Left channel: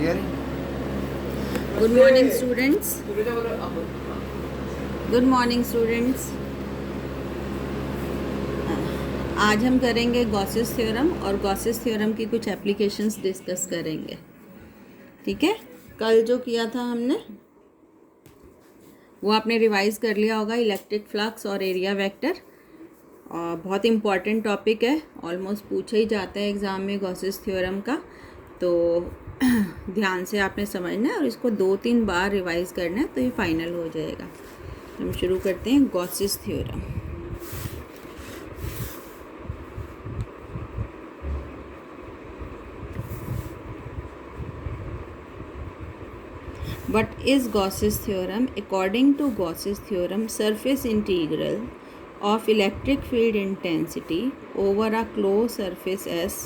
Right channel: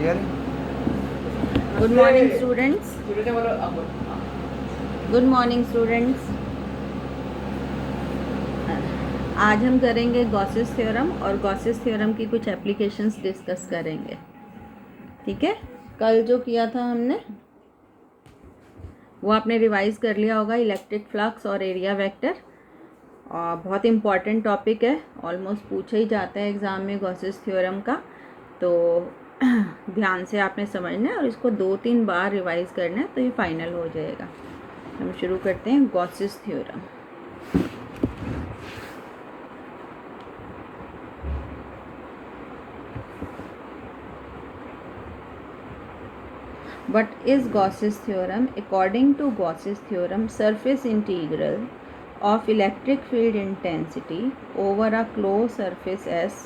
Clear? Good morning students. Good morning students. आज हम करेंगे गॉसेस थ्योरम और गॉसेस थ्योरम की कुछ एप्लीकेशंस डिस्कस करेंगे। ठीक है, कल जो किया था हमने वो आपने रिवाइज कर लिया होगा, इलेक्ट्रिक फ्लक्स और एरिया वेक्टर। और बहुत इम्पॉर्टेंट टॉपिक है, ऑलमोस्ट पूछा ही जाता है एग्ज़ाम में गॉसेस थ्योरम का, तो ध्यान से आपने समझना है और इसको 2-3 बार रिवाइज करना है तो ये फाइनल हो जाएगा। हम शुरू करते हैं Gauss's theorem. What is Gauss's theorem? According to Gauss's theorem, surface integral of electric field intensity over a closed surface S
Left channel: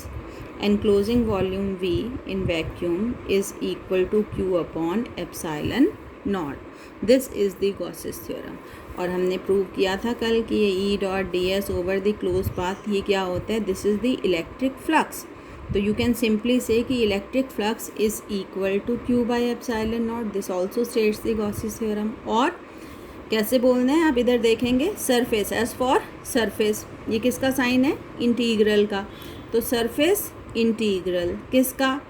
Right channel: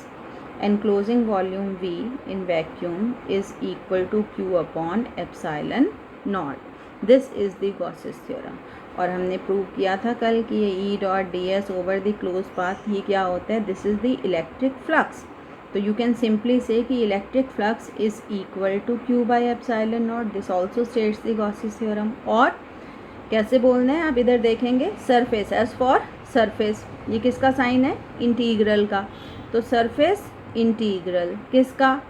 enclosing volume V in vacuum is equal to Q upon epsilon naught. This is the Gauss's theorem. और हमने prove किया था कल कि ये E dot D S over the close path ये क्या होता है, this is the electric flux. तो यू कैन सिंपली से कि electric flux is equal to Q by epsilon not. This also states the Gauss's theorem. और कैसे बोलना है आप इधर देखेंगे, सरफेस, एज फॉर सरफेस, ये किसका साइन है, इंटीग्रल का। तो सरफेस इंटीग्रल किसका,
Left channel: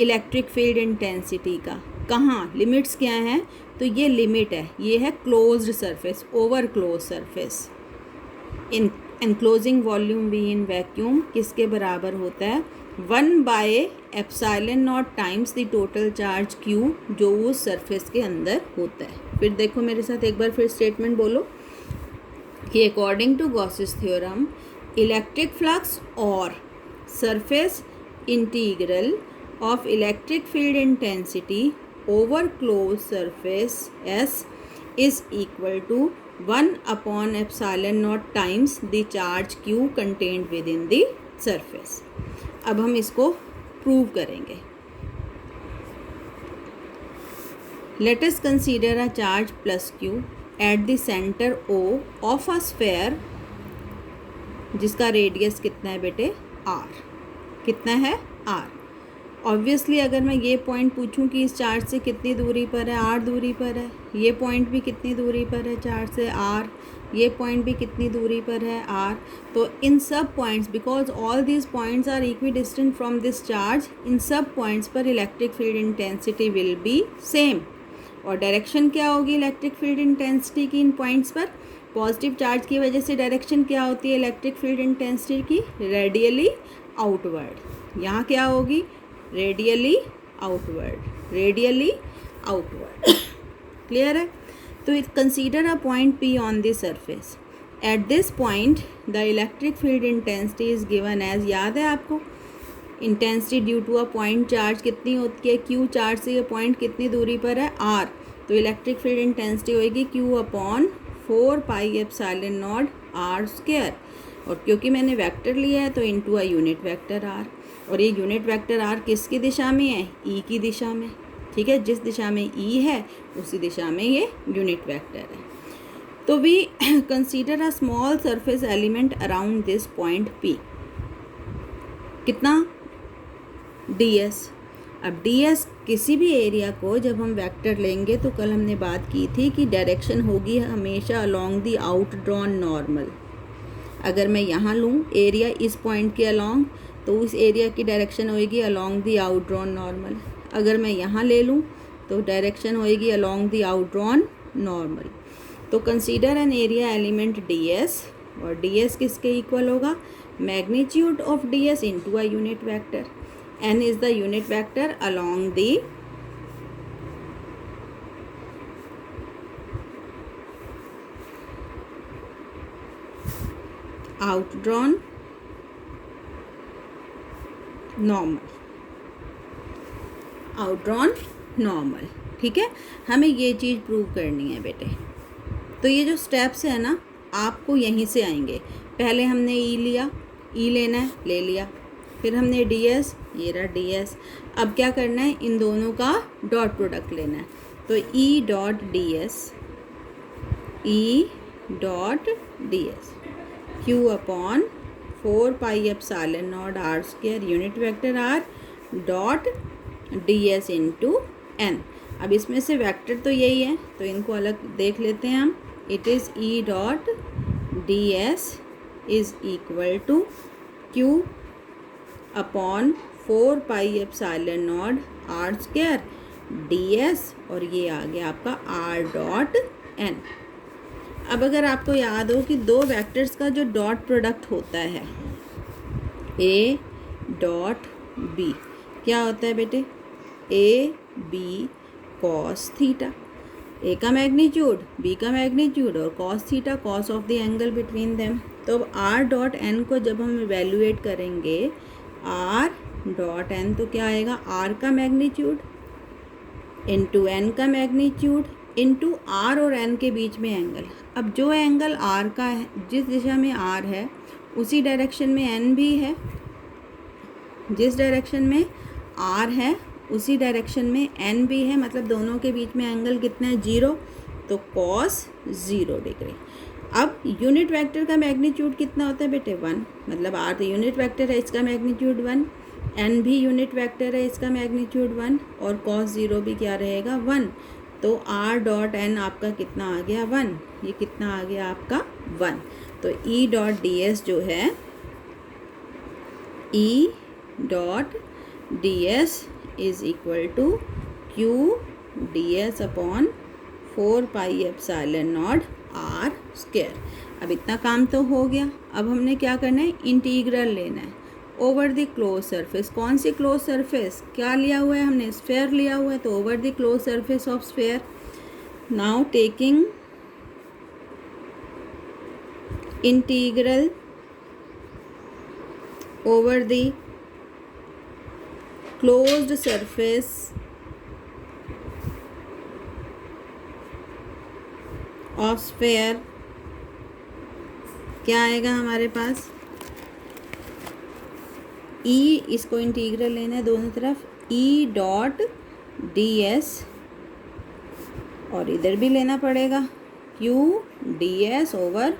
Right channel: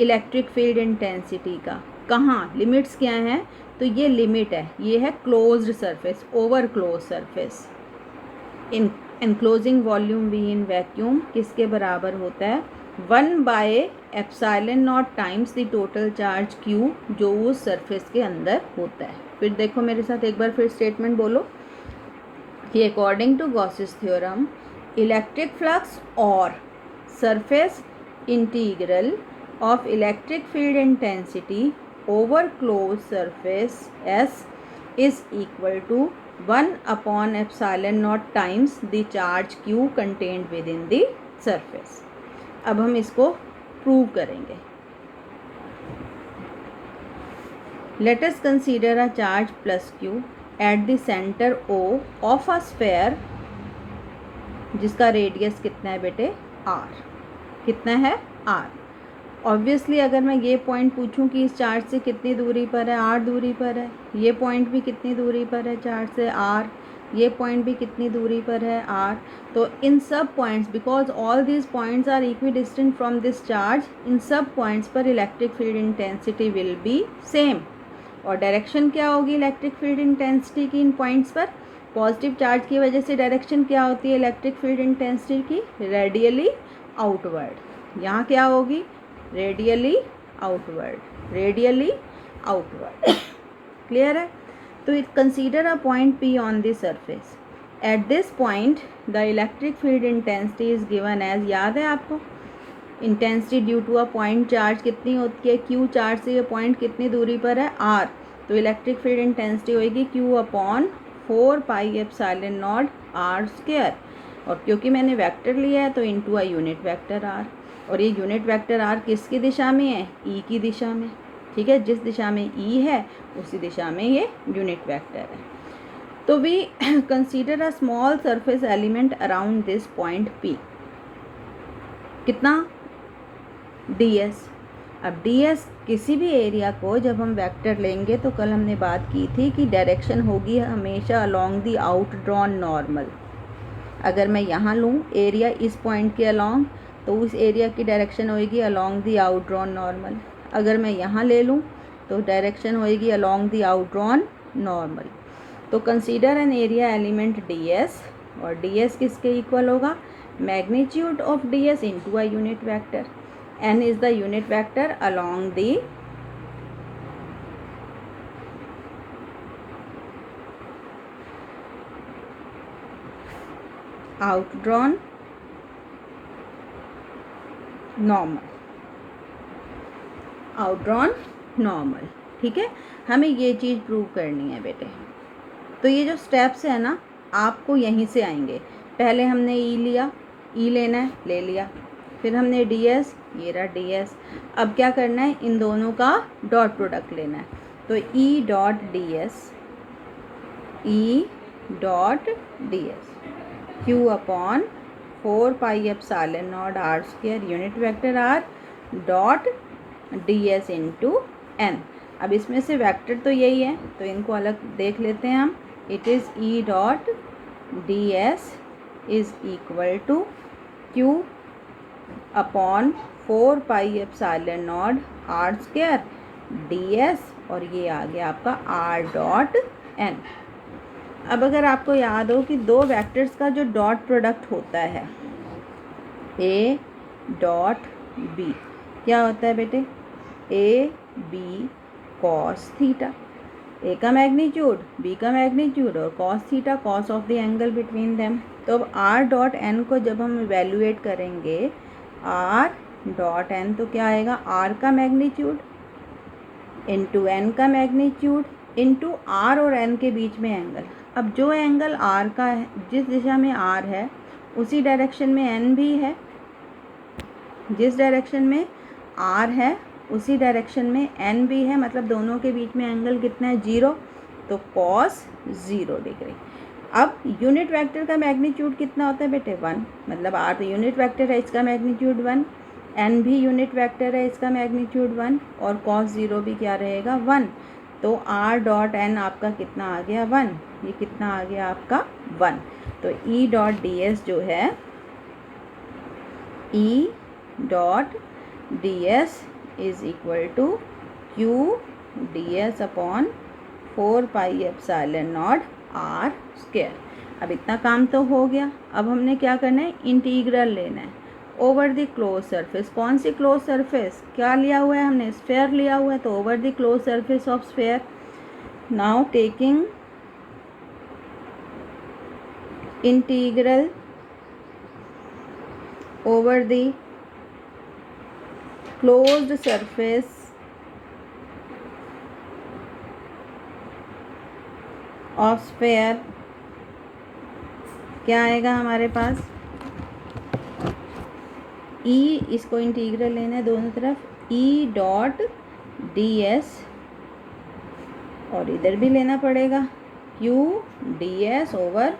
इलेक्ट्रिक फील्ड इंटेंसिटी का। कहाँ लिमिट्स क्या हैं, तो ये लिमिट है, ये है closed surface, over close surface. In enclosing volume we in vacuum किसके बराबर होता है, 1/ε0 times the total charge Q जो उस सरफेस के अंदर होता है। फिर देखो मेरे साथ एक बार फिर स्टेटमेंट बोलो कि according to Gauss's theorem electric flux और surface integral of electric field intensity over close surface S is equal to 1/ε0 times the charge Q contained within the surface. अब हम इसको प्रूव करेंगे। Let us consider a charge plus Q at the center O of a sphere जिसका radius कितना है बेटे, R। कितना है, R। ऑब्वियसली अगर मैं ये पॉइंट पूछूं कि इस चार्ज से कितनी दूरी पर है, R दूरी पर है। ये पॉइंट भी कितनी दूरी पर है चार्ज से, R। ये पॉइंट भी कितनी दूरी पर है, R। तो इन सब points, because all these points are equidistant from this charge, इन सब पॉइंट्स पर electric field intensity will be same. और डायरेक्शन क्या होगी इलेक्ट्रिक फील्ड इंटेंसिटी की इन पॉइंट्स पर, पॉजिटिव चार्ज की वजह से डायरेक्शन क्या होती है इलेक्ट्रिक फील्ड इंटेंसिटी की, रेडियली आउटवर्ड। यहाँ क्या होगी, radially outward, radially outward. Clear है। तो it consider a point P on the surface. At this point the electric field intensity is given as, याद है आपको, intensity due to a point charge कितनी होती है, Q चार्ज से ये पॉइंट कितनी दूरी पर है, R। तो इलेक्ट्रिक फील्ड इंटेंसिटी होगी Q अपॉन 4πε0 R²। और क्योंकि मैंने वेक्टर लिया है तो into a unit vector R। और ये यूनिट वेक्टर R किसकी दिशा में है, E की दिशा में। ठीक है, जिस दिशा में E है उसी दिशा में ये यूनिट वेक्टर है। तो we consider a small surface element around this point P। कितना, ds। अब ds किसी भी एरिया को जब हम वेक्टर लेंगे तो कल हमने बात की थी कि डायरेक्शन होगी हमेशा along the out drawn normal. अगर मैं यहाँ लूँ एरिया इस पॉइंट के अलोंग, तो उस एरिया की डायरेक्शन होएगी along the out drawn normal. अगर मैं यहाँ ले लूँ तो डायरेक्शन होएगी along the out drawn normal. तो consider an area element ds, और ds किसके इक्वल होगा, magnitude of ds into a unit vector. n is the unit vector along the outdrawn normal, outdrawn normal. ठीक है, हमें ये चीज़ prove करनी है बेटे। तो ये जो स्टेप्स है ना आपको यहीं से आएंगे। पहले हमने E लिया, E लेना है, ले लिया। फिर हमने ds, ये रहा ds। अब क्या करना है, इन दोनों का डॉट प्रोडक्ट लेना है। तो E dot ds, E dot ds Q upon 4πε0 R² unit vector R dot D s into n. अब इसमें से वेक्टर तो यही है, तो इनको अलग देख लेते हैं हम। It is E dot D S is equal to Q upon 4 pi epsilon not R square D S, और ये आ गया आपका आर डॉट एन। अब अगर आपको याद हो कि दो वेक्टर्स का जो डॉट प्रोडक्ट होता है ए डॉट बी, क्या होता है बेटे, ए बी कॉस थीटा, ए का मैग्नीट्यूड बी का मैग्नीट्यूड और cos theta cos of the angle between them. तो अब आर डॉट एन को जब हम इवेल्युएट करेंगे, आर डॉट एन तो क्या आएगा, आर का मैग्नीट्यूड इंटू एन का मैग्नीट्यूड इंटू आर और एन के बीच में एंगल। अब जो एंगल आर का है, जिस दिशा में आर है उसी डायरेक्शन में एन भी है, जिस डायरेक्शन में आर है उसी डायरेक्शन में एन भी है, मतलब दोनों के बीच में एंगल कितना है, 0, तो कॉस 0 डिग्री। अब यूनिट वेक्टर का मैग्नीट्यूड कितना होता है बेटे, 1, मतलब आर तो यूनिट वेक्टर है, इसका मैग्नीट्यूड 1, एन भी यूनिट वेक्टर है, इसका मैग्नीट्यूड 1, और कॉस 0 भी क्या रहेगा, 1। तो आर डॉट एन आपका कितना आ गया, 1, ये कितना आ गया आपका 1। तो ई डॉट डी एस जो है, E dot D S is equal to Q D S upon 4 pi epsilon not R square. अब इतना काम तो हो गया। अब हमने क्या करना है, इंटीग्रल लेना है ओवर द क्लोज सरफेस। कौन सी क्लोज सरफेस, क्या लिया हुआ है हमने, स्फेयर लिया हुआ है, तो over the close surface of sphere. Now taking integral over the closed surface of sphere, क्या आएगा हमारे पास, ई, इसको इंटीग्रल लेना है दोनों तरफ, ई डॉट डी एस, और इधर भी लेना पड़ेगा Q D S over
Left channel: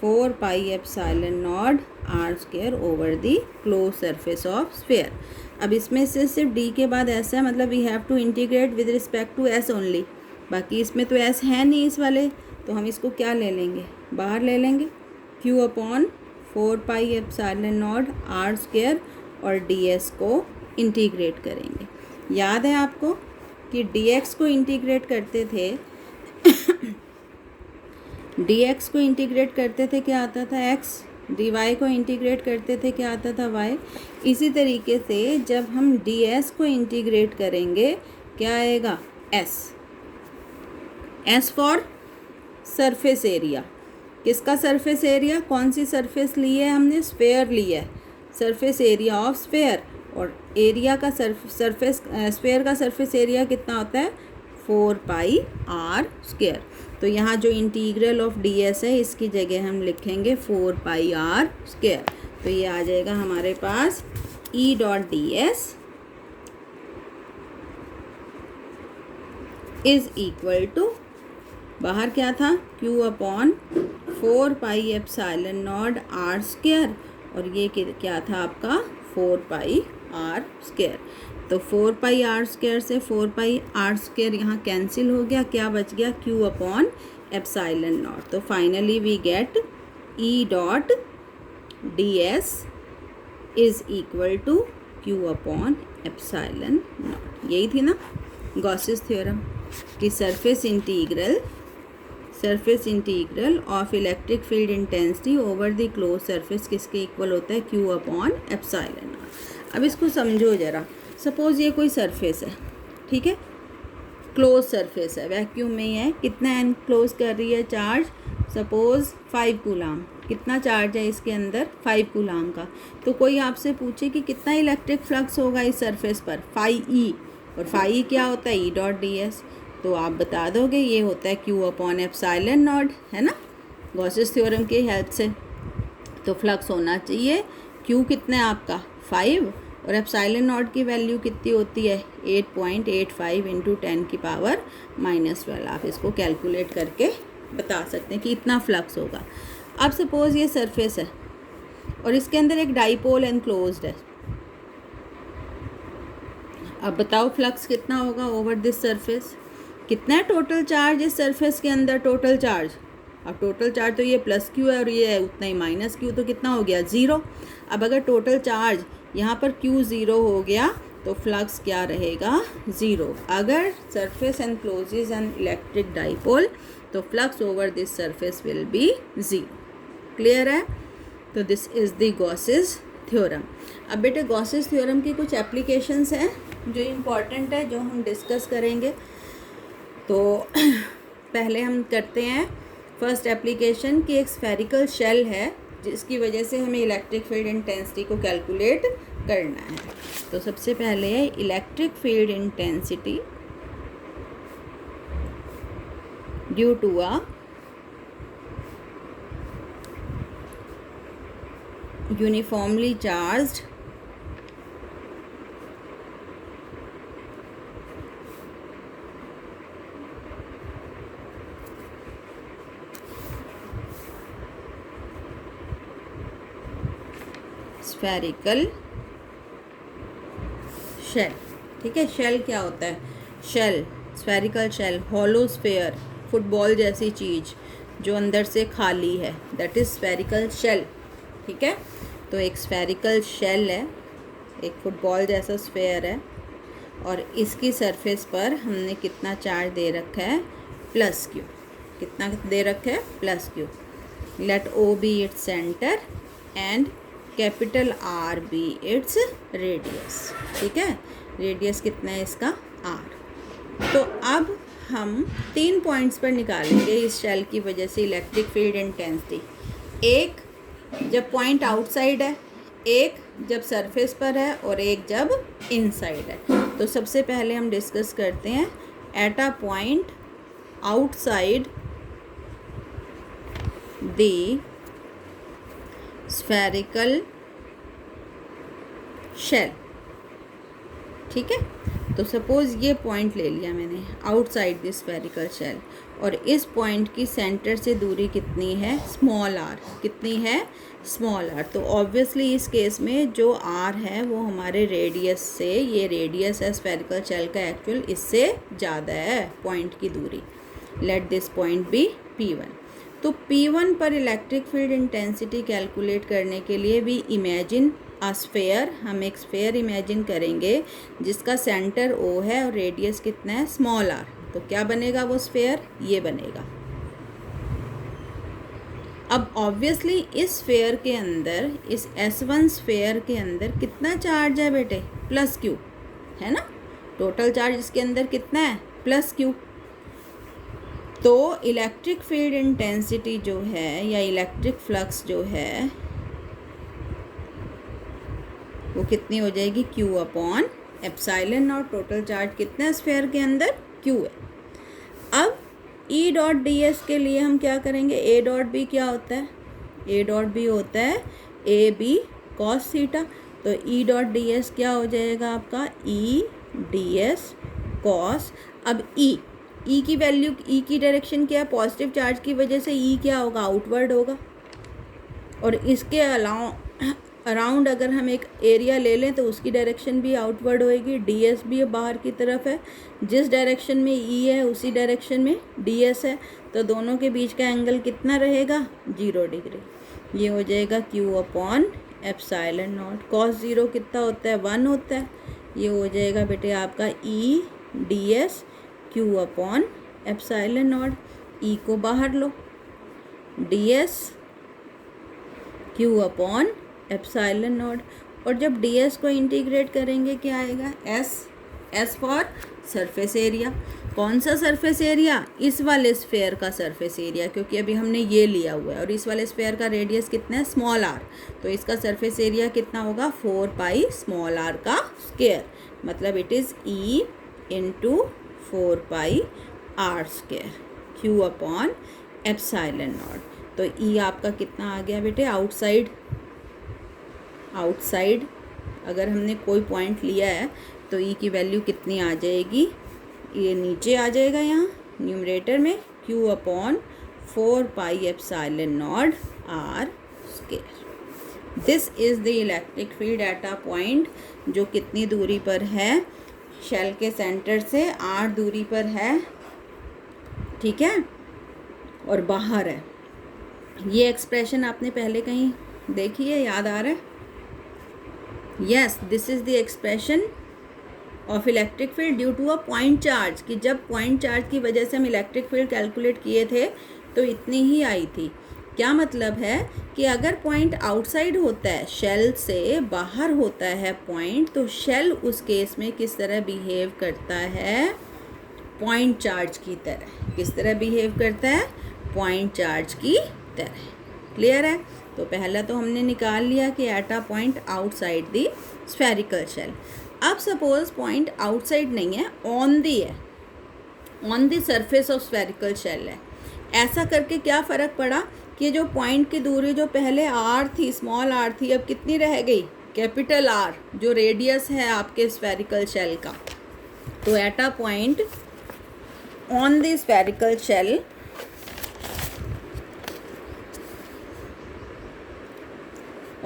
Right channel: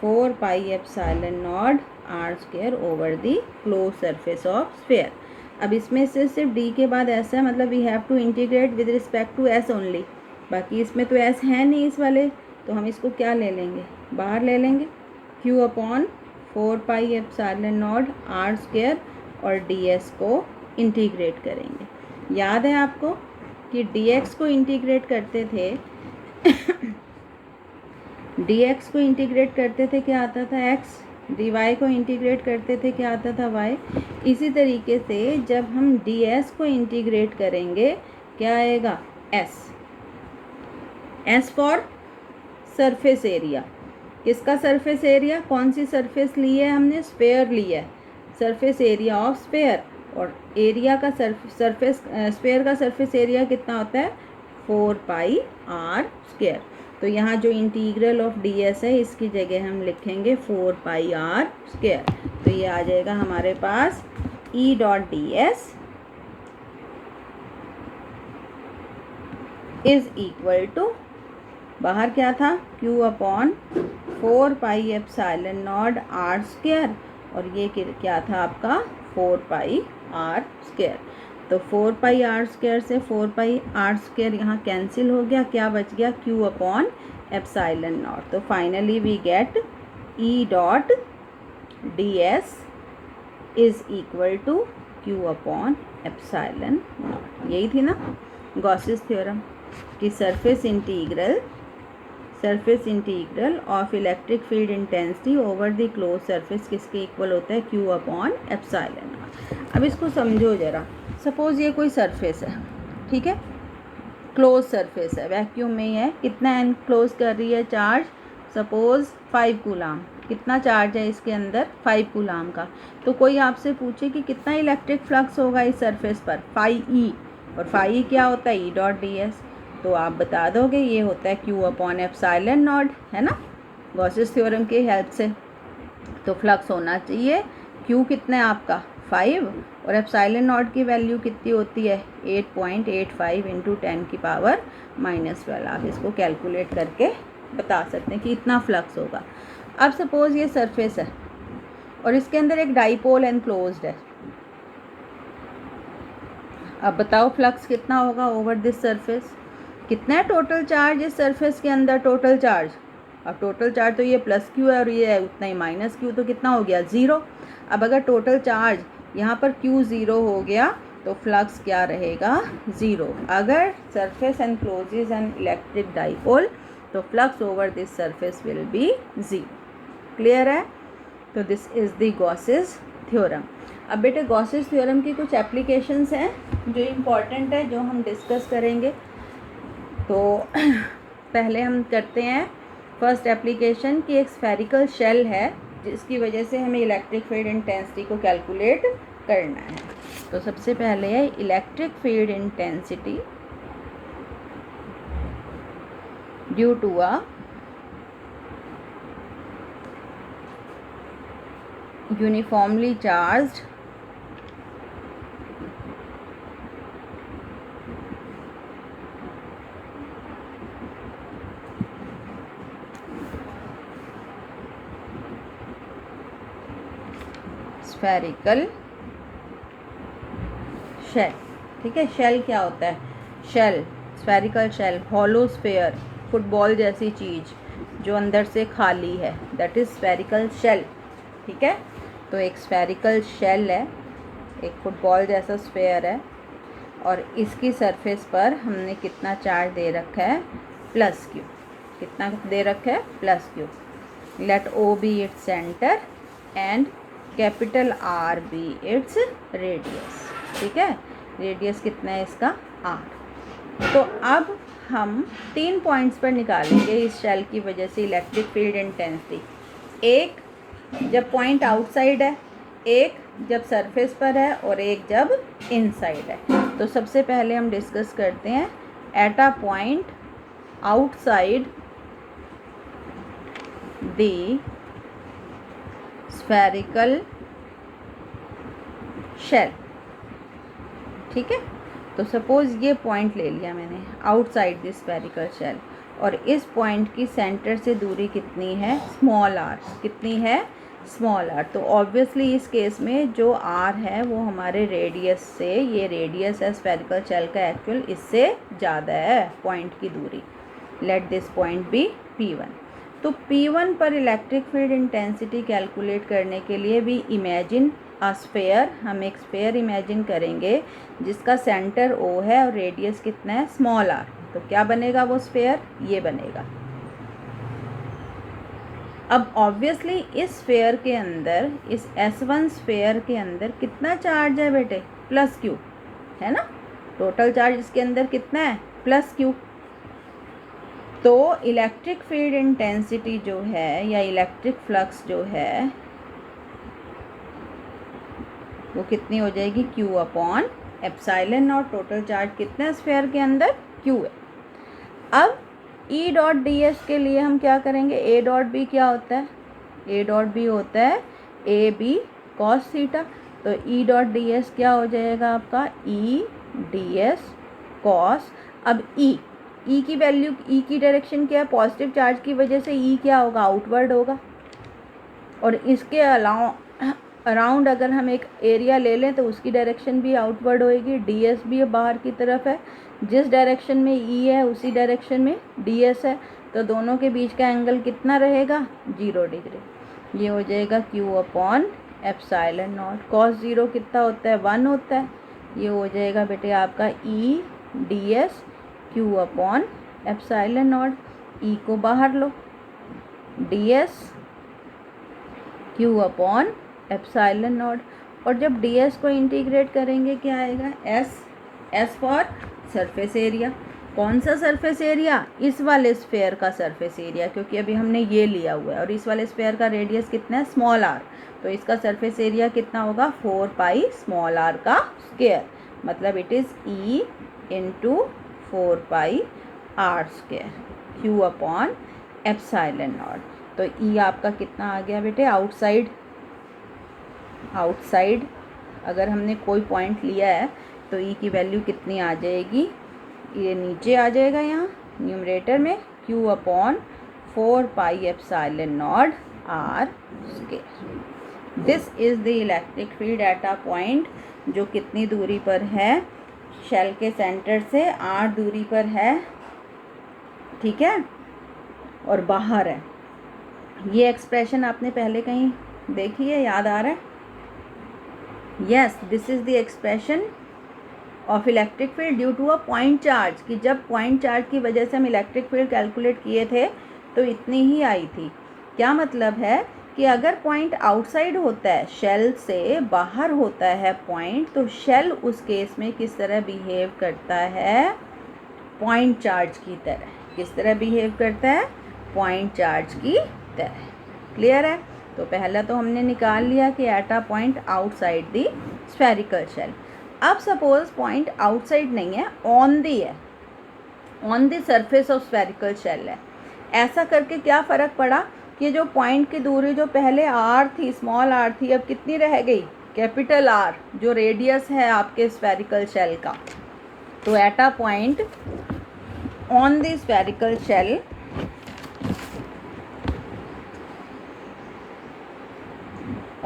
4 pi epsilon not R square over the close surface of sphere. अब इसमें से सिर्फ डी के बाद एस है, मतलब we have to integrate with respect to S only, बाकी इसमें तो एस है नहीं इस वाले, तो हम इसको क्या ले लेंगे, बाहर ले लेंगे, Q upon 4 pi epsilon not R square, और डी एस को इंटीग्रेट करेंगे। याद है आपको कि डी एक्स को इंटीग्रेट करते थे डी एक्स को इंटीग्रेट करते थे क्या आता था, एक्स, डी वाई को इंटीग्रेट करते थे क्या आता था, वाई। इसी तरीके से जब हम डी एस को इंटीग्रेट करेंगे क्या आएगा, S, S for surface area. किसका सरफेस एरिया, कौन सी सरफेस ली है हमने, स्फेयर ली है, सरफेस एरिया ऑफ स्फेयर। और एरिया का सरफेस स्फेयर का सरफेस एरिया कितना होता है, 4 पाई आर स्क्वायर। तो यहाँ जो इंटीग्रल ऑफ डी एस है इसकी जगह हम लिखेंगे 4 पाई आर स्क्वायर। तो ये आ जाएगा हमारे पास E dot D S is equal to, बाहर क्या था, Q upon 4 pi epsilon not R square, और ये क्या था आपका 4 पाई आर स्क्वायर। तो 4 पाई आर स्क्वायर से 4 पाई आर स्क्वायर यहाँ कैंसिल हो गया, क्या बच गया, क्यू अपॉन एप्सिलॉन नॉट। तो finally we get E dot D S is equal to Q upon epsilon not. यही थी ना गॉसेस थ्योरम कि surface integral of electric field intensity over the close surface किसके इक्वल होता है, Q upon epsilon not. अब इसको समझो ज़रा, सपोज़ ये कोई सरफेस है, ठीक है, क्लोज सरफेस है, वैक्यूम में ही है, कितना एनक्लोज कर रही है चार्ज, सपोज़ 5 कूलाम, कितना चार्ज है इसके अंदर, 5 कूलाम का। तो कोई आपसे पूछे कि कितना इलेक्ट्रिक फ्लक्स होगा इस सरफेस पर, फाई ई, और फाई ई क्या होता है, ई डॉट डी एस, तो आप बता दोगे ये होता है क्यू अपॉन एप्सिलॉन नॉट, है ना, गॉसेस थ्योरम की हेल्प से। तो फ्लक्स होना चाहिए, क्यू कितना है आपका 5, और एप्सिलॉन नॉट की वैल्यू कितनी होती है 8.85 इंटू 10 की पावर -12। आप इसको कैलकुलेट करके बता सकते हैं कि इतना फ्लक्स होगा। अब सपोज़ ये सरफेस है और इसके अंदर एक डाईपोल एनक्लोज्ड है, अब बताओ फ्लक्स कितना होगा ओवर दिस सरफेस, कितना है टोटल चार्ज इस सरफेस के अंदर, टोटल चार्ज। अब टोटल चार्ज तो ये प्लस क्यू है और ये है उतना ही माइनस क्यू, तो कितना हो गया 0। अब अगर टोटल चार्ज यहाँ पर क्यू 0 हो गया तो फ्लक्स क्या रहेगा 0। अगर surface encloses an electric dipole तो flux over this surface will be 0। Clear है। तो this is the Gauss's theorem. अब बेटे गॉसेस थ्योरम की कुछ एप्लीकेशंस हैं जो इम्पॉर्टेंट है, जो हम डिस्कस करेंगे। तो पहले हम करते हैं फर्स्ट एप्लीकेशन की, एक स्फेरिकल शेल है जिसकी वजह से हमें इलेक्ट्रिक फील्ड इंटेंसिटी को कैलकुलेट करना है। तो सबसे पहले है electric field intensity due to a uniformly charged spherical shell. ठीक है, शेल क्या होता है, shell spherical shell, hollow sphere, football जैसी चीज़ जो अंदर से खाली है, दैट इज़ स्फेरिकल शेल। ठीक है, तो एक स्फेरिकल शेल है, एक फुटबॉल जैसा स्फेयर है और इसकी सरफेस पर हमने कितना चार्ज दे रखा है प्लस क्यू। कितना दे रखा है plus Q. Let O be its centre and capital R be its radius. ठीक है, रेडियस कितना है इसका आर। तो अब हम 3 पॉइंट्स पर निकालेंगे इस शेल की वजह से इलेक्ट्रिक फील्ड इंटेंसिटी। एक जब पॉइंट आउटसाइड है, एक जब सरफेस पर है और एक जब इनसाइड है। तो सबसे पहले हम डिस्कस करते हैं at a point outside the spherical shell. ठीक है, तो सपोज़ ये पॉइंट ले लिया मैंने आउटसाइड द स्फेरिकल शेल और इस पॉइंट की सेंटर से दूरी कितनी है स्मॉल आर। कितनी है स्मॉल आर। तो ऑब्वियसली इस केस में जो आर है वो हमारे रेडियस से, ये रेडियस है स्फेरिकल शेल का एक्चुअल, इससे ज़्यादा है पॉइंट की दूरी। Let this point be P1। तो P1 पर इलेक्ट्रिक फील्ड इंटेंसिटी कैलकुलेट करने के लिए भी इमेजिन अ स्फेयर, हम एक स्फेयर इमेजिन करेंगे जिसका सेंटर O है और रेडियस कितना है स्मॉल आर। तो क्या बनेगा वो स्फेयर, ये बनेगा। अब ऑब्वियसली इस स्फेयर के अंदर, इस S1 स्फेयर के अंदर कितना चार्ज है बेटे प्लस क्यू है ना। टोटल चार्ज इसके अंदर कितना है प्लस क्यू। तो इलेक्ट्रिक फील्ड इंटेंसिटी जो है या इलेक्ट्रिक फ्लक्स जो है वो कितनी हो जाएगी Q upon epsilon not. Total charge कितना है स्फेयर के अंदर Q है। अब E डॉट डी एस के लिए हम क्या करेंगे, A डॉट बी क्या होता है, A डॉट बी होता है ए बी कॉस थीटा। तो E डॉट डी एस क्या हो जाएगा आपका E डी एस कॉस। अब E की वैल्यू, E की डायरेक्शन क्या है पॉजिटिव चार्ज की वजह से E क्या होगा आउटवर्ड होगा। और इसके अराउंड अगर हम एक एरिया ले लें तो उसकी डायरेक्शन भी आउटवर्ड होएगी, डी एस भी बाहर की तरफ है। जिस डायरेक्शन में E है उसी डायरेक्शन में डी एस है। तो दोनों के बीच का एंगल कितना रहेगा 0 डिग्री। ये हो जाएगा Q upon epsilon not. Cos 0 कितना होता है 1 होता है। ये हो जाएगा बेटे आपका E D S Q upon epsilon not. E को बाहर लो, D S Q upon epsilon not. और जब डी एस को इंटीग्रेट करेंगे क्या आएगा एस फॉर सरफेस एरिया। कौन सा सरफेस एरिया, इस वाले स्फेयर का सरफेस एरिया, क्योंकि अभी हमने ये लिया हुआ है और इस वाले स्फेयर का रेडियस कितना है स्मॉल आर। तो इसका सरफेस एरिया कितना होगा 4 पाई स्मॉल आर का स्क्वायर। मतलब it is E into 4 pi are square Q upon epsilon not. तो E आपका कितना आ गया बेटे आउटसाइड अगर हमने कोई पॉइंट लिया है तो E की वैल्यू कितनी आ जाएगी, ये नीचे आ जाएगा यहाँ न्यूमरेटर में Q upon 4 pi epsilon not R square. This is the electric field at a point जो कितनी दूरी पर है शेल के सेंटर से r दूरी पर है, ठीक है, और बाहर है। ये एक्सप्रेशन आपने पहले कहीं देखी है, याद आ रहा है? Yes, this is the expression of electric field due to a point charge, कि जब पॉइंट चार्ज की वजह से हम इलेक्ट्रिक फील्ड कैलकुलेट किए थे तो इतनी ही आई थी। क्या मतलब है कि अगर पॉइंट आउटसाइड होता है, शेल से बाहर होता है पॉइंट, तो शेल उस केस में किस तरह बिहेव करता है? पॉइंट चार्ज की तरह। किस तरह बिहेव करता है? पॉइंट चार्ज की तरह। क्लियर है? तो पहला तो हमने निकाल लिया कि at a point outside the spherical shell. अब सपोज पॉइंट आउटसाइड नहीं है, ऑन दी है, on the surface of spherical shell है। ऐसा करके क्या फ़र्क पड़ा कि जो पॉइंट की दूरी जो पहले आर थी, स्मॉल आर थी, अब कितनी रह गई? कैपिटल आर, जो रेडियस है आपके स्फेरिकल शेल का। तो at a point on the spherical shell,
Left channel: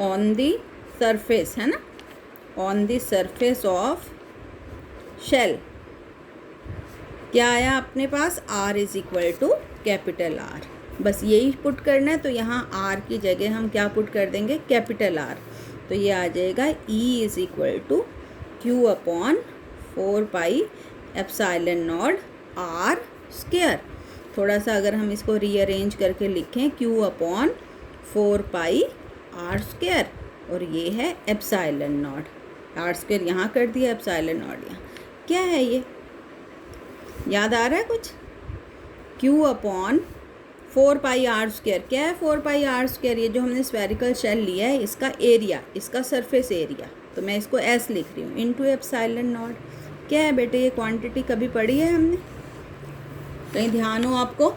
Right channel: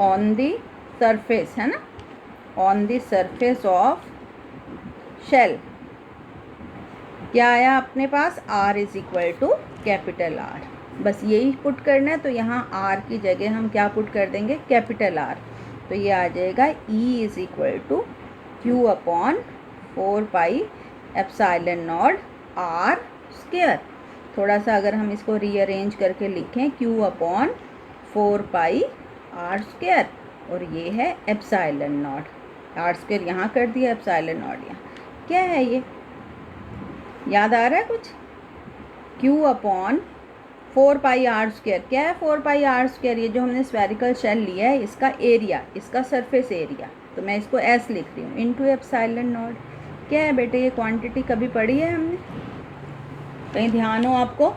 on the surface है ना, on the surface of shell क्या आया अपने पास? r is equal to capital R। बस यही पुट करना है, तो यहाँ r की जगह हम क्या पुट कर देंगे? Capital R। तो ये आ जाएगा E is equal to Q upon 4πε0 r square. थोड़ा सा अगर हम इसको रीअरेंज करके लिखें, Q अपॉन 4πr स्क्वायर, और ये है ε0, r स्क्वायर यहाँ कर दिया, ε0 यहाँ। क्या है ये? याद आ रहा है कुछ? Q upon 4πr square. क्या है 4πr स्क्वायर? ये जो हमने स्फेरिकल शेल लिया है, इसका एरिया, इसका सरफेस एरिया, तो मैं इसको s लिख रही हूँ, इंटू ε0। क्या है बेटे? ये क्वांटिटी कभी पढ़ी है हमने? कहीं ध्यान हो आपको?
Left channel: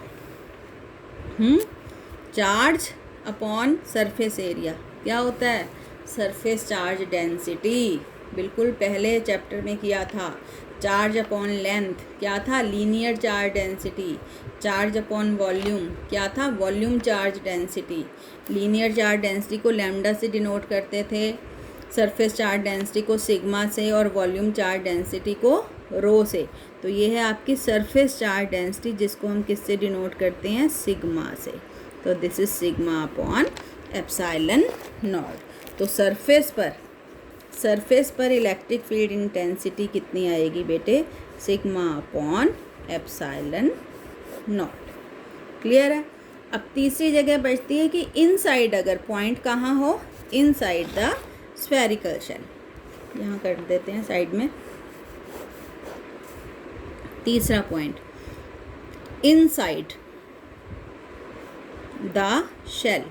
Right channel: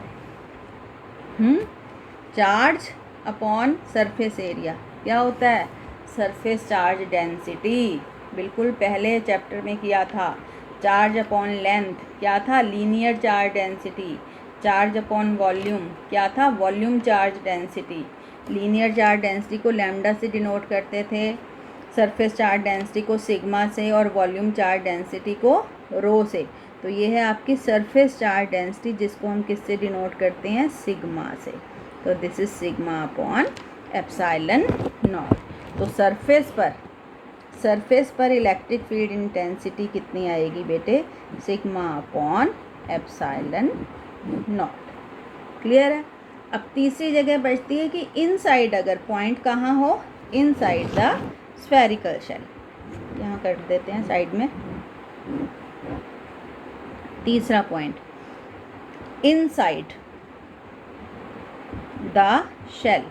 चार्ज अपॉन सरफेस एरिया क्या होता है? Surface charge density. बिल्कुल पहले चैप्टर में किया था। चार्ज अपॉन लेंथ क्या था? Linear charge density. Charge upon volume क्या था? Volume charge density. Linear charge density को लैम्डा से डिनोट करते थे, सरफेस चार्ज डेंसिटी को सिग्मा से, और वॉल्यूम चार्ज डेंसिटी को रो से। तो ये है आपकी सरफेस चार्ज डेंसिटी, जिसको हम किससे डिनोट करते हैं? सिग्मा से। तो दिस इज सिग्मा अपॉन ε0। तो सरफेस पर इलेक्ट्रिक फील्ड इंटेंसिटी कितनी आएगी बेटे? Sigma upon ε0। क्लियर है? अब तीसरी जगह बचती है कि इनसाइड, अगर पॉइंट कहाँ हो? Inside the spherical shell. यहाँ कर देते हैं साइड में। तीसरा पॉइंट, इनसाइड द शेल।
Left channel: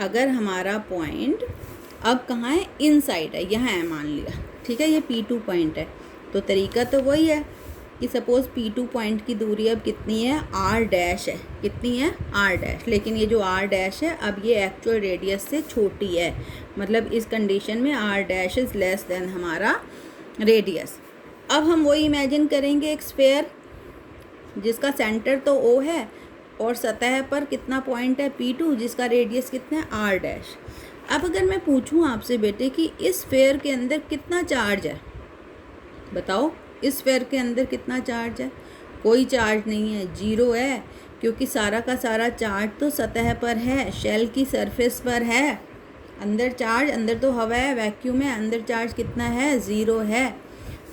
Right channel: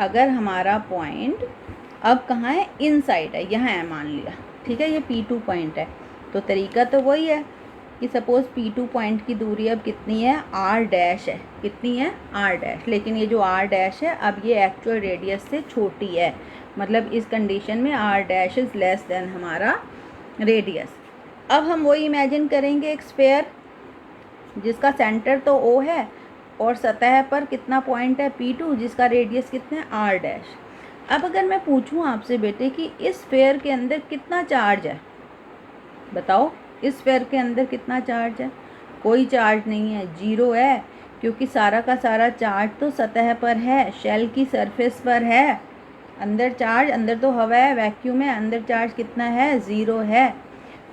अगर हमारा पॉइंट अब कहाँ है? इनसाइड है, यहाँ है मान लिया, ठीक है, ये P2 पॉइंट है। तो तरीका तो वही है कि सपोज़ P2 पॉइंट की दूरी अब कितनी है? R डैश है। कितनी है? R dash. लेकिन ये जो R डैश है, अब ये एक्चुअल रेडियस से छोटी है, मतलब इस कंडीशन में R dash is less than हमारा रेडियस। अब हम वही इमेजिन करेंगे एक स्फेयर जिसका सेंटर तो O है, और सतह पर कितना पॉइंट है? P2, जिसका रेडियस कितना है? R dash. अब अगर मैं पूछूं आपसे बेटे कि इस स्फेयर के अंदर कितना चार्ज है, बताओ, इस स्फेयर के अंदर कितना चार्ज है? कोई चार्ज नहीं है, 0 है, क्योंकि सारा का सारा चार्ज तो सतह पर है, शेल की सरफेस पर है। अंदर चार्ज, अंदर तो हवा है, वैक्यूम है, अंदर चार्ज कितना है? 0 है।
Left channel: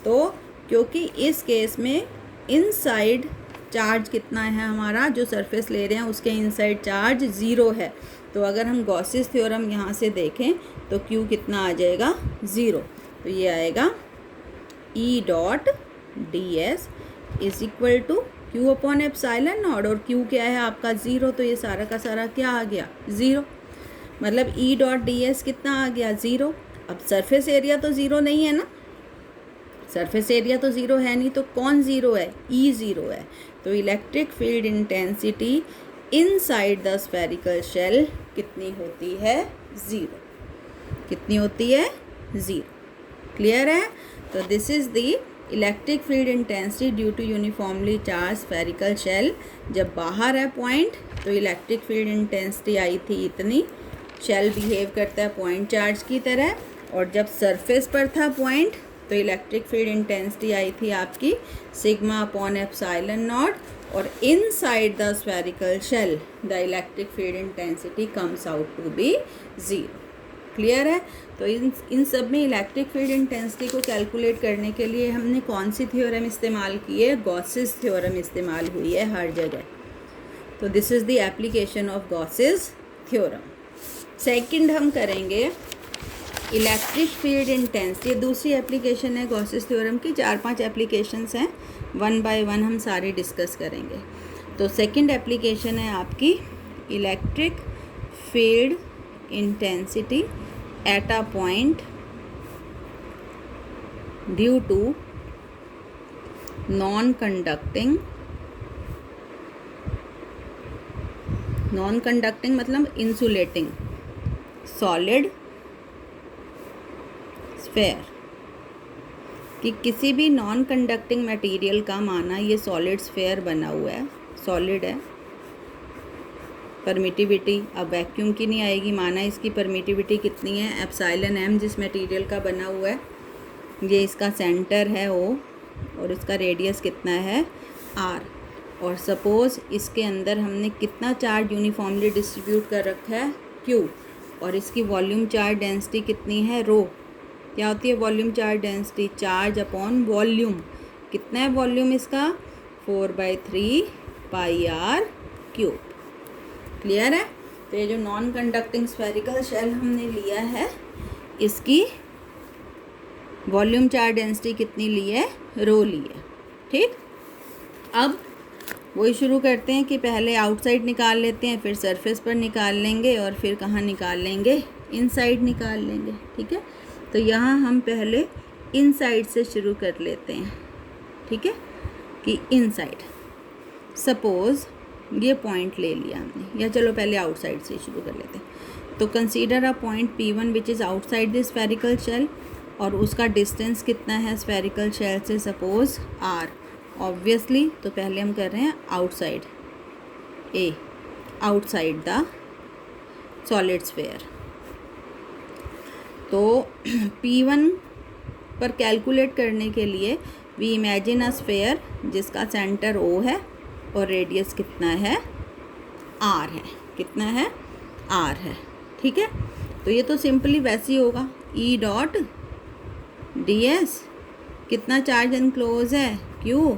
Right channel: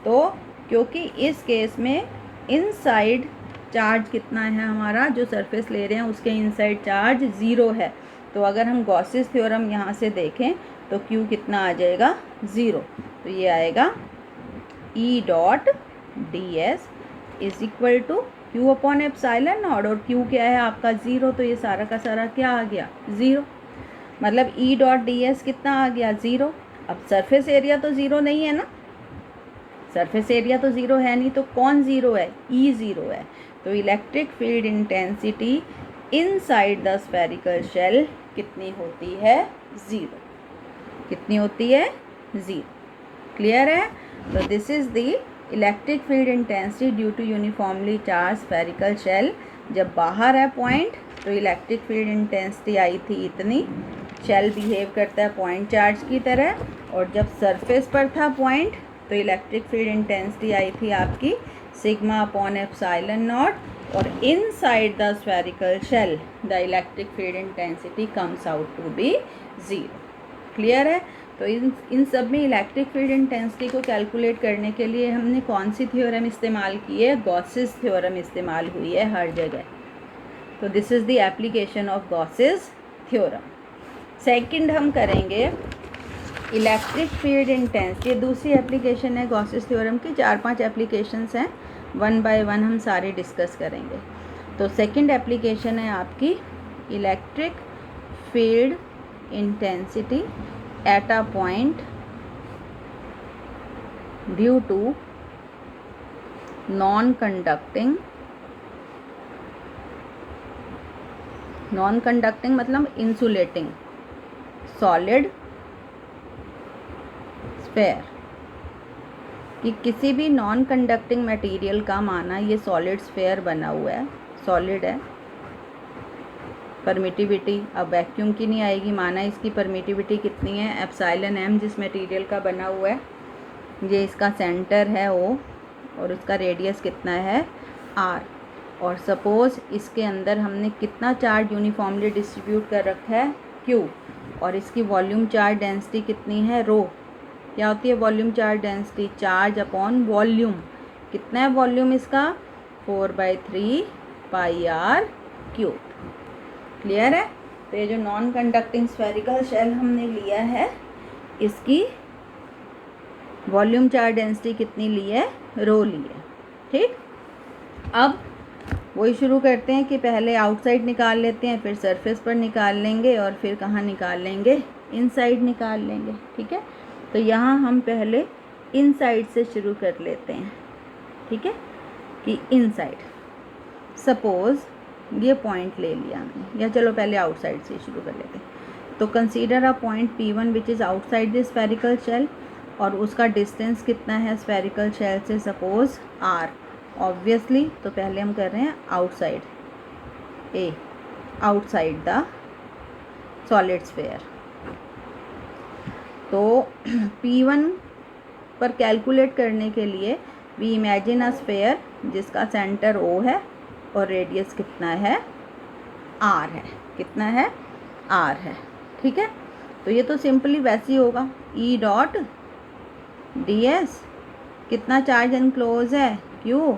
तो क्योंकि इस केस में इनसाइड चार्ज कितना है हमारा, जो सरफेस ले रहे हैं उसके इनसाइड चार्ज 0 है। तो अगर हम गॉसेस थ्योरम यहाँ से देखें तो Q कितना आ जाएगा? 0। तो ये आएगा E dot ds is equal to Q upon ε0, और Q क्या है आपका? 0। तो ये सारा का सारा क्या आ गया? 0। मतलब E डॉट ds कितना आ गया? 0। अब सरफेस एरिया तो 0 नहीं है ना, सरफेस एरिया तो 0 है नहीं, तो कौन 0 है? E 0 है। तो electric field intensity inside the spherical shell कितनी होती है? 0। कितनी होती है? 0। क्लियर है? तो this is the electric field intensity due to uniformly charge spherical shell. जब बाहर है पॉइंट तो इलेक्ट्रिक फील्ड इंटेंसिटी आई थी इतनी, शेल बिहेव करता है पॉइंट चार्ज की तरह, और जब सरफेस पर था पॉइंट तो तो इलेक्ट्रिक फील्ड इंटेंसिटी आई थी आपकी सिग्मा अपॉन एप्सिलॉन नॉट, और inside the spherical shell the electric field intensity comes out to be 0। Clear है? तो इन सब में इलेक्ट्रिक फील्ड इंटेंसिटी को कैलकुलेट करने के लिए हमने कौन सी थ्योरम इस्तेमाल की है? गॉसेस थ्योरम इस्तेमाल हुई है हर जगह। तो this is the application of Gauss's theorem. Second हम करेंगे इलेक्ट्रिक फील्ड इंटेंसिटी। ये दूसरी एप्लीकेशन है गॉसेस थ्योरम की। 4-5 एप्लीकेशंस हैं, वन बाय वन हम सारे डिस्कस करेंगे। तो सेकंड एप्लीकेशन है आपकी electric field intensity at a point due to non conducting मतलब इंसुलेटिंग सॉलिड स्फेयर। कि किसी भी नॉन कंडक्टिंग मटेरियल का माना ये सॉलिड स्फेयर बना हुआ है, सॉलिड है, परमिटिविटी अब वैक्यूम की नहीं आएगी, माना इसकी परमिटिविटी कितनी है? एप्सिलॉन m जिस मटेरियल का बना हुआ है, ये इसका सेंटर है O और इसका रेडियस कितना है R, और सपोज़ इसके अंदर हमने कितना चार्ज यूनिफॉर्मली डिस्ट्रीब्यूट कर रखा है Q, और इसकी वॉल्यूम चार्ज डेंसिटी कितनी है रो। क्या होती है volume charge density? Charge upon volume. कितना है वॉल्यूम इसका? 4/3 πr³। क्लियर है? तो ये जो नॉन कंडक्टिंग स्फेरिकल शेल हमने लिया है, इसकी वॉल्यूम चार्ज डेंसिटी कितनी ली है? रो ली है। ठीक, अब वही शुरू करते हैं कि पहले आउटसाइड निकाल लेते हैं, फिर सरफेस पर निकाल लेंगे, और फिर कहाँ निकाल लेंगे? इनसाइड निकाल लेंगे। ठीक है, तो यहाँ हम पहले इनसाइड से शुरू कर लेते हैं। ठीक है, कि इनसाइड सपोज़ ये पॉइंट ले लिया हमने, या चलो पहले आउटसाइड से शुरू कर लेते हैं। तो consider a point P1 which is outside the spherical shell, और उसका डिस्टेंस कितना है स्फेरिकल शेल से? Suppose R obviously. तो पहले हम कर रहे हैं outside A, outside the solid sphere. तो P1 पर कैलकुलेट करने के लिए वी इमेजिन अ स्फेयर जिसका सेंटर O है और रेडियस कितना है? R है। कितना है? R है। ठीक है, तो ये तो सिंपली वैसे ही होगा, E डॉट ds कितना चार्ज एनक्लोज है? Q।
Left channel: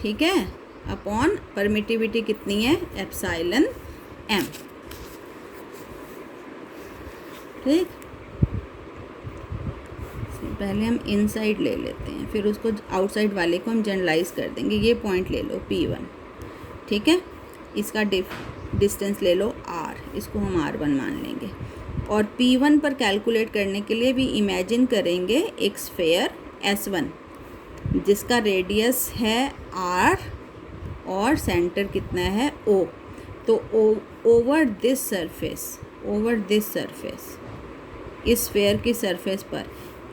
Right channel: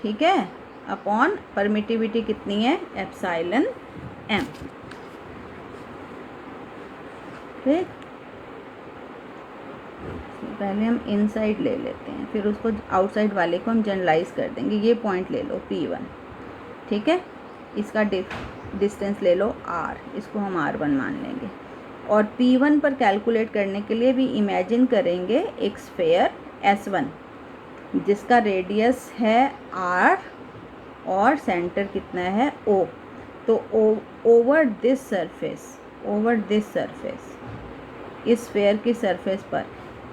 ठीक है, अपॉन परमिटिविटी कितनी है? Epsilon m। ठीक, पहले हम इनसाइड ले लेते हैं, फिर उसको आउटसाइड वाले को हम जनरलाइज कर देंगे। ये पॉइंट ले लो P1, ठीक है, इसका डिस्टेंस ले लो R, इसको हम R1 मान लेंगे। और P1 पर कैलकुलेट करने के लिए भी इमेजिन करेंगे एक स्फेयर S1 जिसका रेडियस है R और सेंटर कितना है O। तो ओवर दिस सरफेस इस स्फेयर की सरफेस पर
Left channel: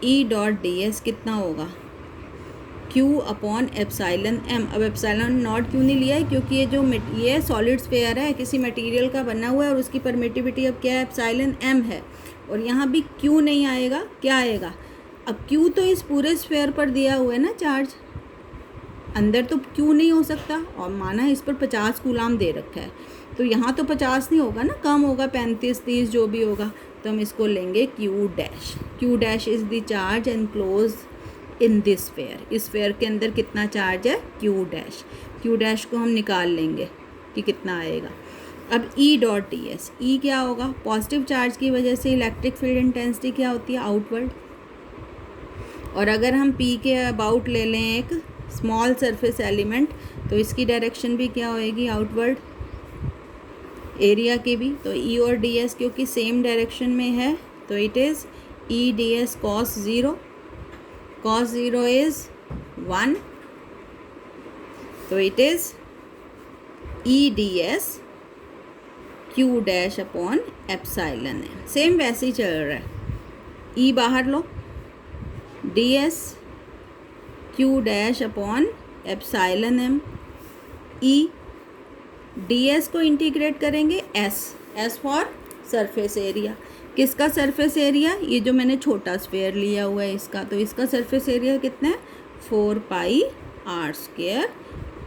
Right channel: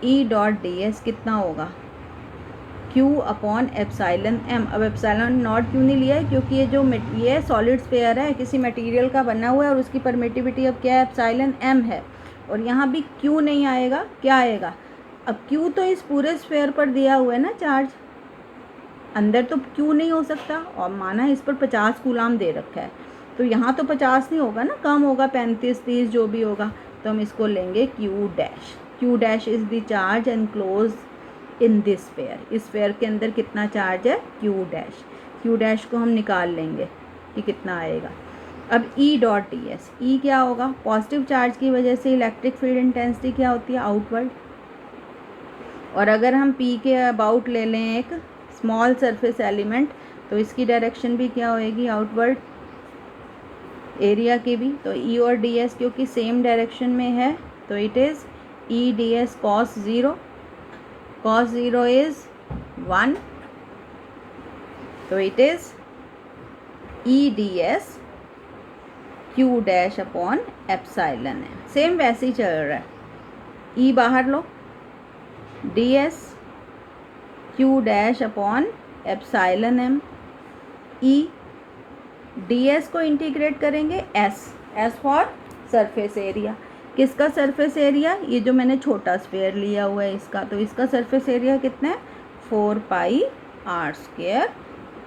E डॉट ds कितना होगा? Q upon epsilon m। अब एप्सिलॉन नॉट क्यों नहीं लिया है? क्योंकि ये सॉलिड स्फेयर है, किसी मटेरियल का बना हुआ है, और उसकी परमिटिविटी अब क्या है? एप्सिलॉन m है। और यहाँ भी Q नहीं आएगा, क्या आएगा? अब Q तो इस पूरे स्फेयर पर दिया हुआ है ना चार्ज, अंदर तो Q नहीं हो सकता, और माना इस पर 50 कूलाम दे रखा है, तो यहाँ तो 50 नहीं होगा ना, कम होगा, 35-30 जो भी होगा। तो हम इसको लेंगे Q dash is the charge enclose in this sphere. इस स्फेयर के अंदर कितना चार्ज है? Q डैश को हम निकाल लेंगे कि कितना आएगा। अब E डॉट ds, E क्या होगा? पॉजिटिव चार्ज की वजह से इलेक्ट्रिक फील्ड इंटेंसिटी क्या होती है? आउटवर्ड। और अगर हम P के अबाउट ले लें एक स्मॉल सरफेस एलिमेंट, तो इसकी डायरेक्शन भी क्या होएगी? आउटवर्ड। एरिया की भी, तो E और ds क्योंकि सेम डायरेक्शन में है, तो it is E ds cos 0 is 1, तो it is E ds Q dash upon epsilon m। Same वैसे ही चल रहा है, E बाहर लो, ds Q dash upon epsilon m। E ds को इंटीग्रेट करेंगे S फॉर सरफेस एरिया, किसका सरफेस एरिया, ये जो मैंने छोटा स्फेयर लिया हुआ है इसका, तो इसका सरफेस एरिया कितना है 4 pi are square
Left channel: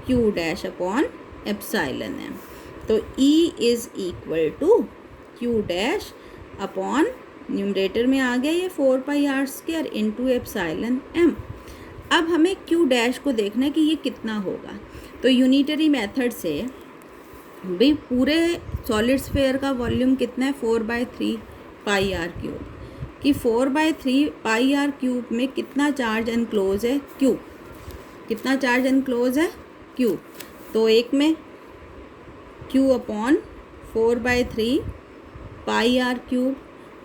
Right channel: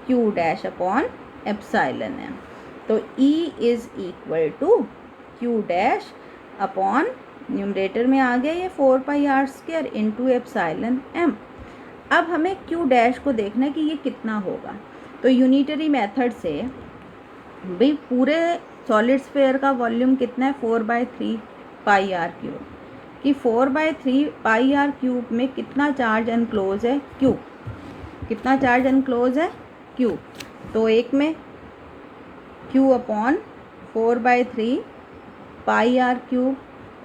Q dash upon epsilon M. तो E is equal to Q dash upon numerator में आ गया ये 4 pi are square into epsilon M. अब हमें क्यू डैश को देखना है कि ये कितना होगा। तो यूनिटरी मेथड से भाई पूरे सॉलिड स्फेयर का वॉल्यूम कितना है 4/3 पाई आर क्यूब, कि 4/3 पाई आर क्यूब में कितना चार्ज एनक्लोज है क्यू, कितना चार्ज एनक्लोज है क्यू। तो एक में Q upon 4/3 pi are cube,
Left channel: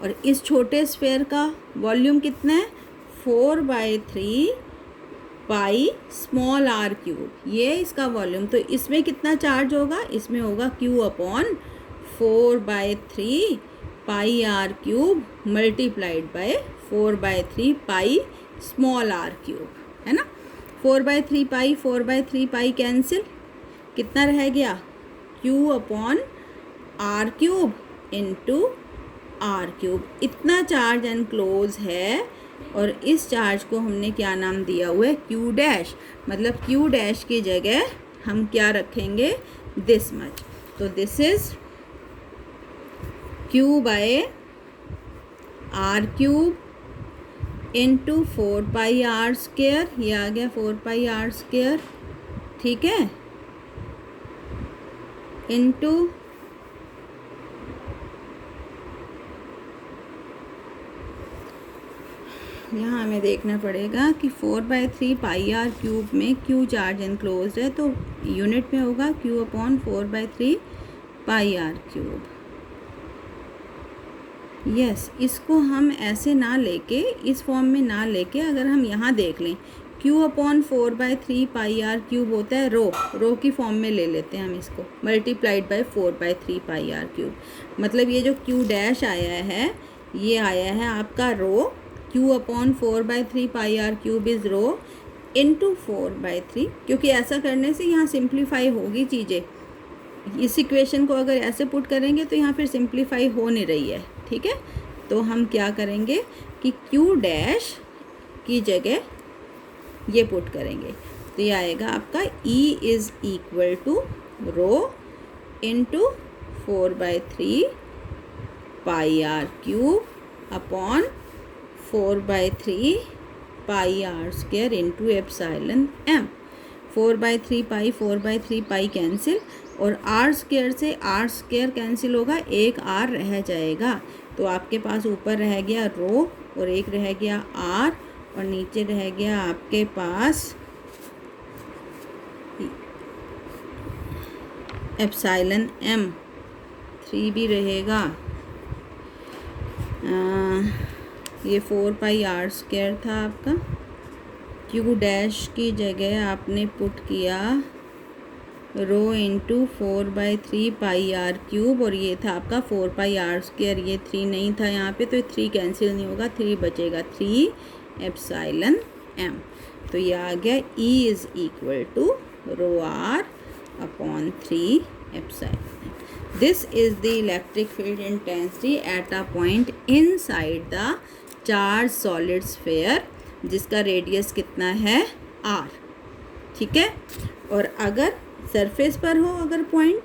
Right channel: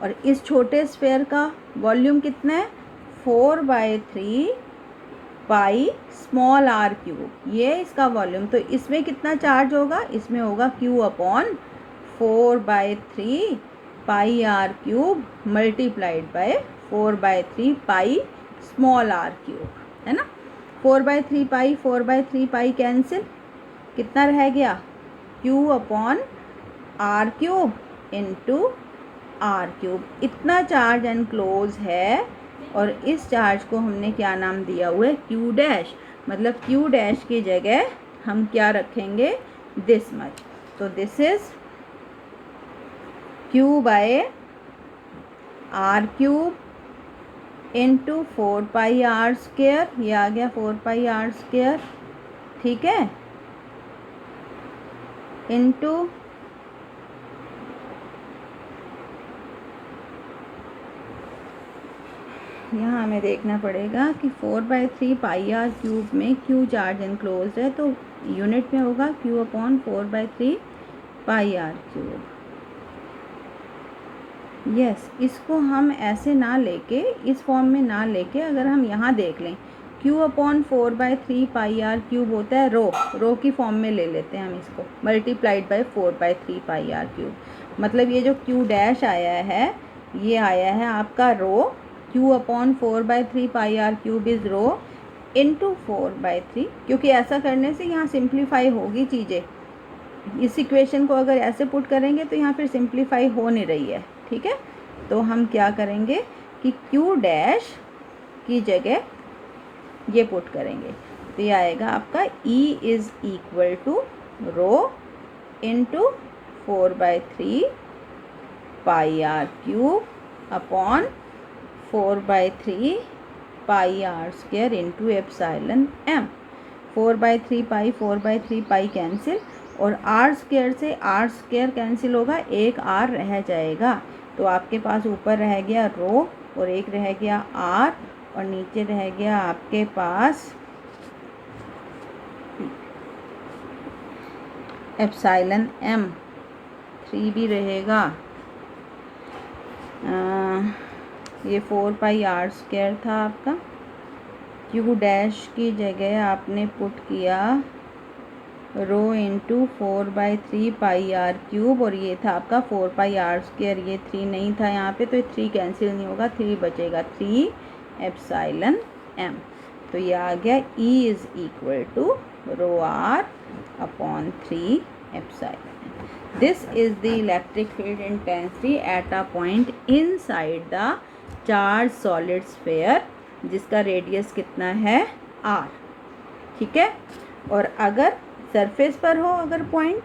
और इस छोटे स्फेयर का वॉल्यूम कितना है 4/3 पाई स्मॉल आर क्यूब, ये इसका वॉल्यूम। तो इसमें कितना चार्ज होगा, इसमें होगा Q upon 4/3 pi are cube multiplied by 4/3 pi small R cube, है ना। 4/3 पाई कैंसिल, कितना रह गया Q upon R cube into R cube. इतना चार्ज एनक्लोज है, और इस चार्ज को हमने क्या नाम दिया हुआ है क्यू डैश। मतलब क्यू डैश की जगह हम क्या रखेंगे दिस मच। तो this is Q by R cube into 4 pi are square, ये आ गया 4 पाई आर स्क्वायर, ठीक है, इंटू यहाँ हमें देखना पड़ेगा कि 4/3 पाई आर क्यूब में क्यू चार्ज एनक्लोज है, तो यूनिट में होगा Q upon 4/3 pi are cube. Yes, इसको हम ऐसे ना लेके, इस फॉर्म में ना लेके, अगर हम यहाँ देख लें Q upon 4/3 pi are cube होता है रो की फॉर्म में ले लेते हैं हम इसको, multiplied by 4/3 pi are cube. मतलब ये जो क्यू डैश आया है, ये आया है आपका rho, Q upon 4/3 pi are cube is rho into 4/3, क्योंकि ऐसा करने से यहाँ सिंप्लीफाई होगी चीज़ें। इस इक्वेशन को अगर ऐसे पुट करेंगे तो यहाँ फिर सिंप्लीफाई हो नहीं रही है, ठीक है। तो हम क्या करेंगे कि क्यू डैश की जगह ये पुट करेंगे, तो ये आएगा आपका E is equal to rho into 4/3 pi are cube upon 4/3 pi are square into epsilon m. 4/3 pi cancel, और आर स्क्वायर से आर स्क्वायर कैंसिल होगा, एक आर रह जाएगा। तो आपके पास ऊपर रह गया रो, और एक रह गया आर, और नीचे रह गया आपके पास एप्सिलॉन एम, 3 भी रहेगा। ये 4 पाई आर स्क्वायर था आपका। क्यू डैश की जगह आपने पुट किया रो इंटू 4/3 पाई आर क्यूब, और ये था आपका 4 पाई आर स्क्वायर, ये 3 नहीं था यहाँ पे, तो 3 कैंसिल नहीं होगा, 3 बचेगा, 3 एप्सिलॉन एम। तो ये आ गया E is equal to rho r upon 3 epsilon. This is the electric field intensity at a point inside the charged solid sphere, जिसका रेडियस कितना है r, ठीक है। और अगर सरफेस पर हो, अगर पॉइंट,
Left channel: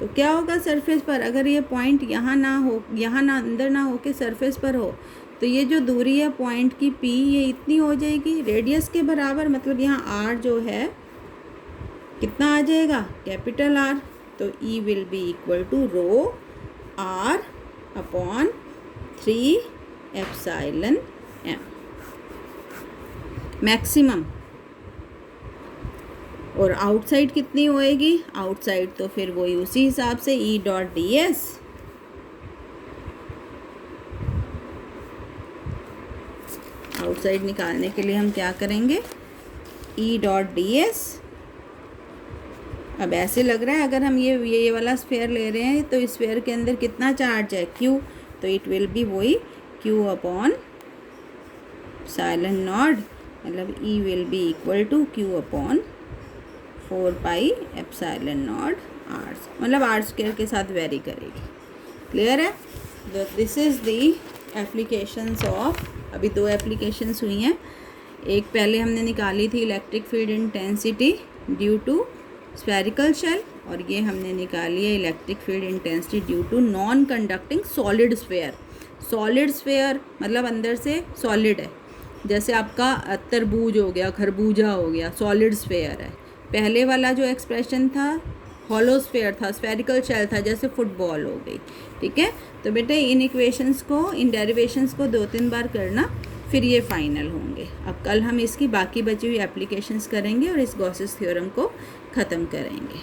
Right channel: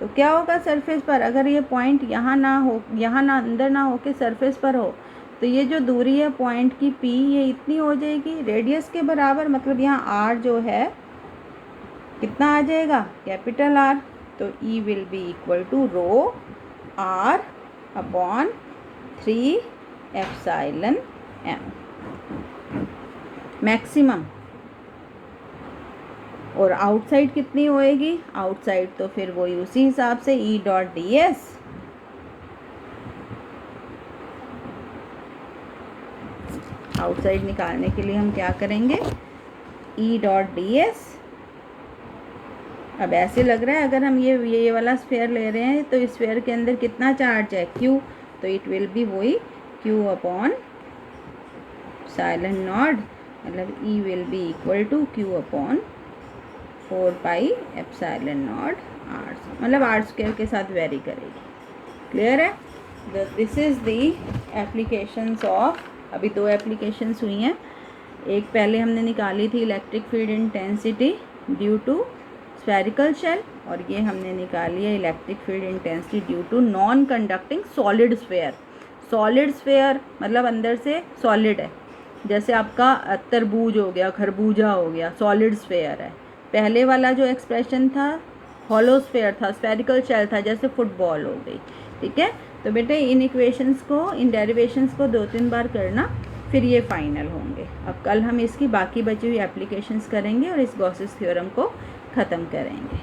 तो क्या होगा सरफेस पर, अगर ये पॉइंट यहाँ ना हो, यहाँ ना अंदर ना हो के सरफेस पर हो, तो ये जो दूरी है पॉइंट की P, ये इतनी हो जाएगी रेडियस के बराबर। मतलब यहाँ r जो है कितना आ जाएगा कैपिटल R। तो E will be equal to rho R upon 3 epsilon m maximum. और आउटसाइड कितनी होएगी, आउटसाइड तो फिर वही उसी हिसाब से E dot D S, outside निकालने के लिए हम क्या करेंगे E डॉट डी एस। अब ऐसे लग रहा है अगर हम ये वाला स्फेयर ले रहे हैं, तो इस स्फेयर के अंदर कितना चार्ज है Q, तो इट विल बी वही Q अपॉन एप्सिलॉन नॉट, मतलब E will be equal to Q upon 4 pi epsilon naught R, मतलब R स्क्वायर के साथ वेरी करेगी। क्लियर है। This is the applications of, अभी 2 एप्लीकेशंस हुई हैं। एक पहले हमने निकाली थी electric field intensity due to spherical shell, और ये हमने निकाली है electric field intensity due to non conducting solid sphere. Solid sphere मतलब अंदर से सॉलिड है, जैसे आपका तरबूज हो गया, खरबूजा हो गया, सॉलिड स्फेयर है। पहले वाला जो एक्सप्रेशन था हॉलो स्फेयर था, स्फेरिकल शेल था, जैसे फुटबॉल हो गई। ठीक है, तो बेटे इन इक्वेशंस को, इन डेरिवेशंस को 2-3 बार करना, फिर ये फाइनल होंगे। अब कल हम इसकी बाकी बची हुई एप्लीकेशंस करेंगे और इस गॉसेस थ्योरम को ख़त्म करेंगे।